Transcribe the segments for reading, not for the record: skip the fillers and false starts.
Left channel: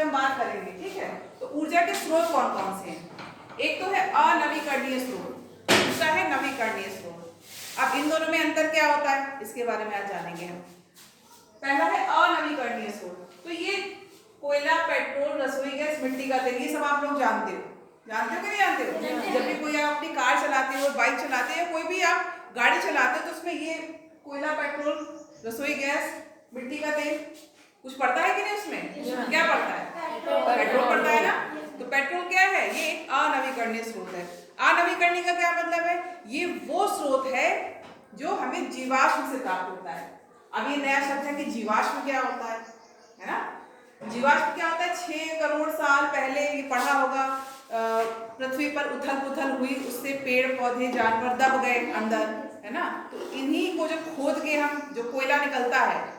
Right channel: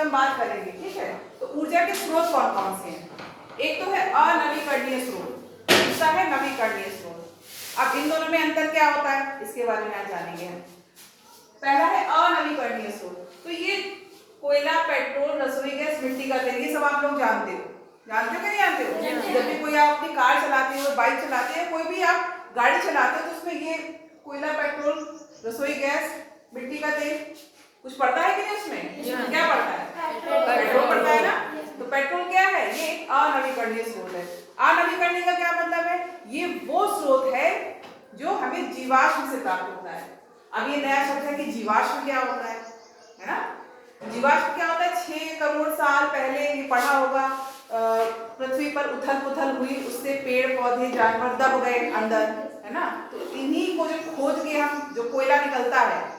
हम बात करेंगे, ठीक है। तो ऊर्जा के स्रोत कौन कौन से हैं? एक तो है अनवीकरणीय स्रोत, दूसरा है नवीकरणीय स्रोत। अब इन दोनों में अंतर क्या होता है इसके बारे में आज जानेंगे हम। पहला है अनवीकरणीय स्रोत, तो ये कोयला, पेट्रोल, रसोई गैस, मिट्टी का तेल, ये सब आप लोग जानते हो कि नहीं जानते हो? जब भी कोई आप अपनी कार चलाते हो, बाइक चलाते हो, कोई भी आप गाड़ी चलाते हो तो उसमें ये कोयला, पेट्रोल, रसोई गैस, मिट्टी का तेल कुछ पड़ता है कि नहीं? उसमें क्या पड़ता है? पेट्रोल पड़ता है ना। तो पेट्रोल क्या है? ये एक अनवीकरणीय स्रोत है। अनवीकरणीय का क्या मतलब है? ये वो स्रोत है जो हमें जीवाश्म से प्राप्त होता है। अब ये नया शब्द है कि जीवाश्म क्या होता है ना? जीवाश्म क्या होता है? 6 करोड़ साल पहले ये पढ़ा होगा, पृथ्वी पर उथल पुथल हुई, उससे पेड़ पौधे जानवर दब गए अंदर, है ना। तो इन्हीं को जो खोद के हम जो कोयला निकलता है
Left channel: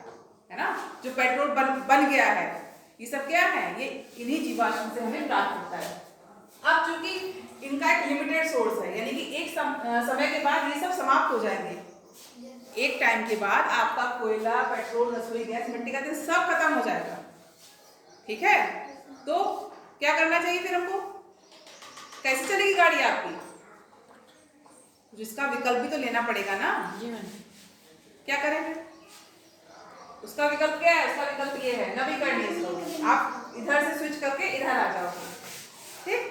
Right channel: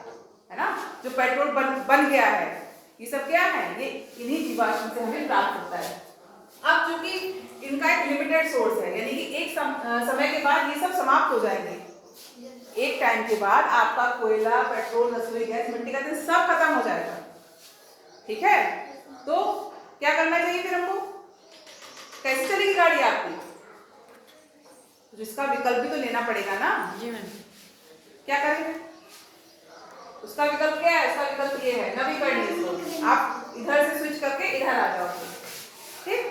ना, जो पेट्रोल बन गया है, ये सब क्या है? ये इन्हीं जीवाश्म से हमें प्राप्त होता है। अब चूंकि इनका एक लिमिटेड सोर्स है, यानी कि एक समय के बाद ये सब समाप्त हो जाएंगे। एक टाइम के बाद आपका कोयला, पेट्रोल, रसोई गैस, मिट्टी का तेल सब खत्म हो जाएगा, ठीक है। तो क्या करना चाहिए फिर हमको? कैसे चलेगी गाड़ी आपकी? जिसका विकल्प भी तो लेना पड़ेगा ना। जी मैम। क्या करेंगे? उसका विकल्प क्या है? उसका विकल्प ये है नवीकरणीय स्रोत। आप इधर से स्विच करके इधर आ जाओगे, ठीक।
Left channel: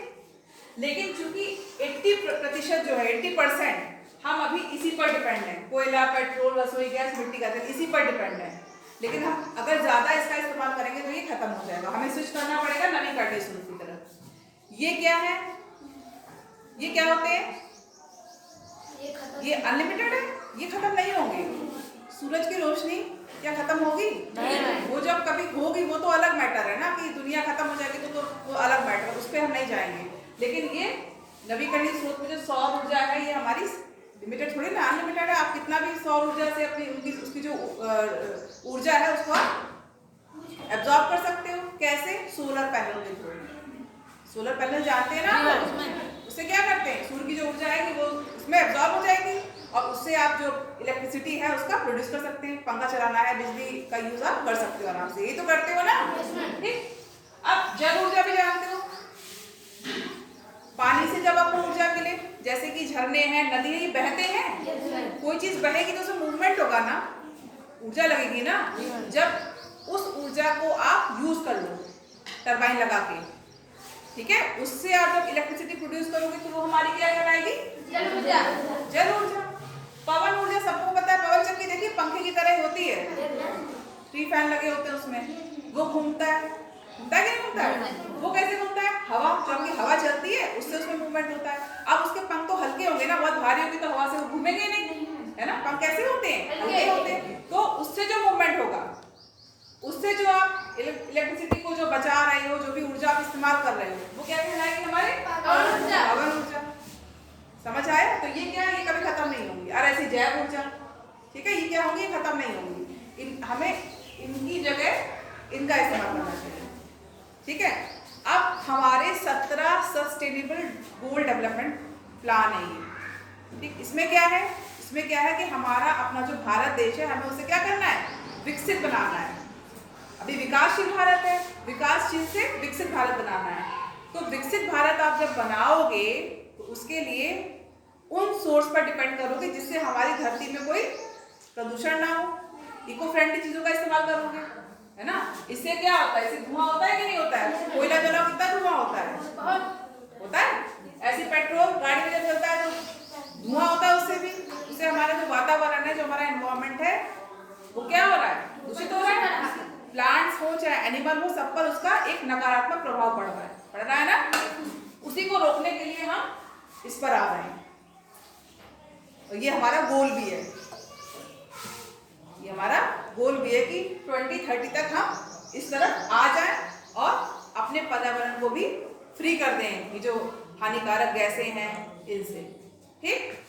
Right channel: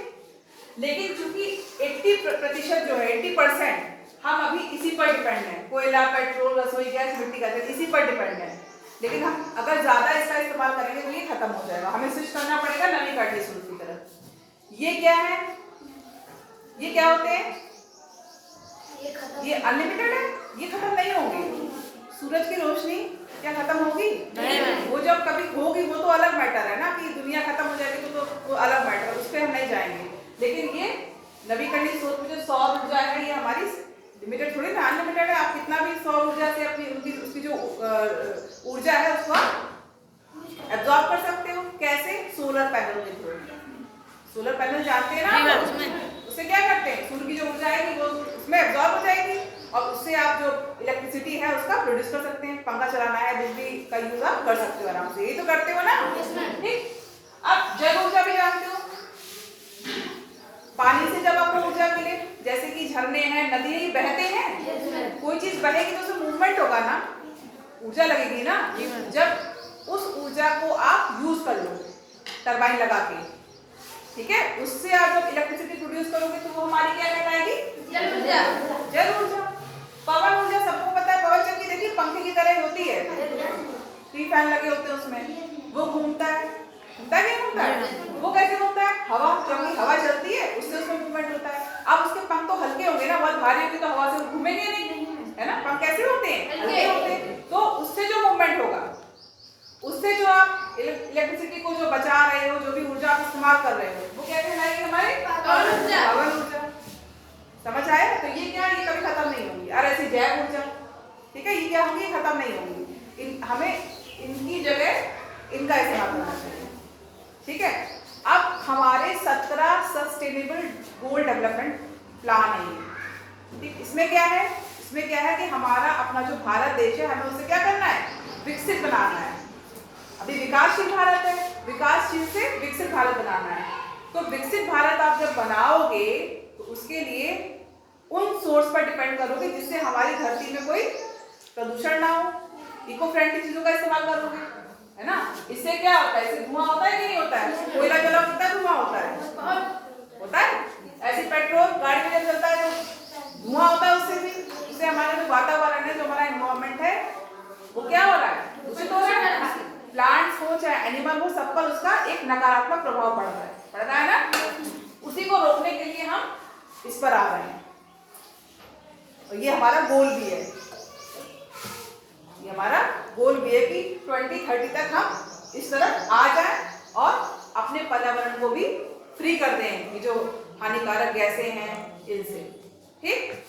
लेकिन चूंकि 80% जो है 80% हम अभी इसी पर डिपेंड हैं, कोयला, पेट्रोल, रसोई गैस, मिट्टी का तेल, इसी पर डिपेंड है। लेकिन हम अगर ज्यादा इसका इस्तेमाल करेंगे तो ये खत्म हो जाएगा, हमें स्विच करना पड़ेगा नवीकरणीय स्रोत की तरफ। ये क्या है? ये क्या होते हैं? ये अनलिमिटेड है, ये खत्म नहीं होंगे। सूरज की रोशनी क्या खत्म होगी? नहीं। वो जब कभी होगी वो तो अलग मैटर है ना, कि दुनिया खत्म हो जाएगी तो वो अलग मैटर है, उस पर हम नहीं जाएंगे। लेकिन ये नवीकरणीय स्रोत में जो सौर ऊर्जा है, ये हमारी लिमिटेड थोड़ी ना, अनलिमिटेड है। आप कितना भी सौर ऊर्जा से अपनी उसकी जो ऊर्जा है उसको एब्जॉर्ब कर सकते हो। कैसे? सोलर पैनल के थ्रू। सोलर पैनल जानते हैं ना? उससे क्या करते हैं? सूर्य की जो ऊर्जा है वो उसमें एब्जॉर्ब हो जाएगी और उससे आप जो इलेक्ट्रिसिटी है उसका प्रोड्यूस कर सकते हैं। पंखा चलाना है, बिजली का यूज आप कर सकते हो आराम से, यही तो करते हो ना, ठीक। अब जैव ऊर्जा भी जानते हो, पानी से जब आपको ऊर्जा मिले, जैसे कि झरने हैं, नदी बहते हैं, कोई चीज बहेगी तो उसमें मूवमेंट होगा ना, ऊर्जा लगेगी ना। जब उस ऊर्जा को आप यूज कर लो टरबाइन लगा के, ठीक है, उससे आप जब इलेक्ट्रिसिटी प्रोड्यूस करोगे तो वो हमारी क्या कहलाएगी? जल ऊर्जा। जल ऊर्जा। पवन ऊर्जा सबको पता है, पवन चक्की देखिए पंखे की तरह होती है, 3 फैन लगे होते हैं उसमें, वो घूमता है, घूमता है नहीं घूमता है? वो कैसे घूमता है? हवा, क्योंकि हवा चलती है उससे उसमें मूवमेंट होता है। अब उसके पंख तो हल्के होंगे ना, बहुत भारी होगी तो हवा से घूमेंगे नहीं, है ना। पंख कैसे होते हैं? हल्के होते हैं। तो उससे जो मूवमेंट होगा, उससे जो आप इलेक्ट्रिसिटी को जो बचा रहे हो, जो भी ऊर्जा आप इस्तेमाल कर रहे हो, वो क्या कहलाएगी? हमारी पवन ऊर्जा। पवन ऊर्जा। समझ आया? तो ये क्या, ये कभी खत्म नहीं होंगी। और ऐसी जैव ऊर्जा, ठीक है, ये क्या होंगी? ये खत्म नहीं होंगी। हमें इनकी जगह इनका इस्तेमाल करना चाहिए, ठीक है। अब हमारे 17 सस्टेनेबल गोल डेवलपमेंट प्लान है, ठीक। इसमें क्या है? इसमें क्या है कि हमारा अपना जो भारत देश है, हमें उसे क्या करना है? विकसित बनाना है। अभी विकासशील भारत है, विकासशील से विकसित भारत बनाना है। तो विकसित भारत आप जब बनाओगे तो उसके लिए उन सोर्स पर डिपेंड करोगे जिससे हमारी धरती में कोई प्रदूषण ना हो, इको फ्रेंडली चीजों का इस्तेमाल करोगे, है ना। इससे क्या होता है? इससे धुआं होता है कि नहीं होता है? कोयला जलाओ कितना धुआं होता है? बहुत होता है। ऐसे पेट्रोल गाड़ी में जब चलता है तो धुआं होता है, उससे भी, इससे हमारा जो वातावरण है, जो हमारा एनवायरमेंट है, वो क्या हो रहा है? दूषित हो रहा है। प्लांट्स हो चाहे एनिमल हो, सब पर उसका एक नकारात्मक प्रभाव पड़ रहा है ना। उसी को रोकने के लिए हम इस पर आ रहे हैं और ये हमारा गोल भी है। ये हमारा गोल भी है कि 2030 तक हम इस तरफ आ जाएं और अपने पर्यावरण को भी फ्री कर दें ये जो हानिकारक गैसें हैं इनसे, ठीक।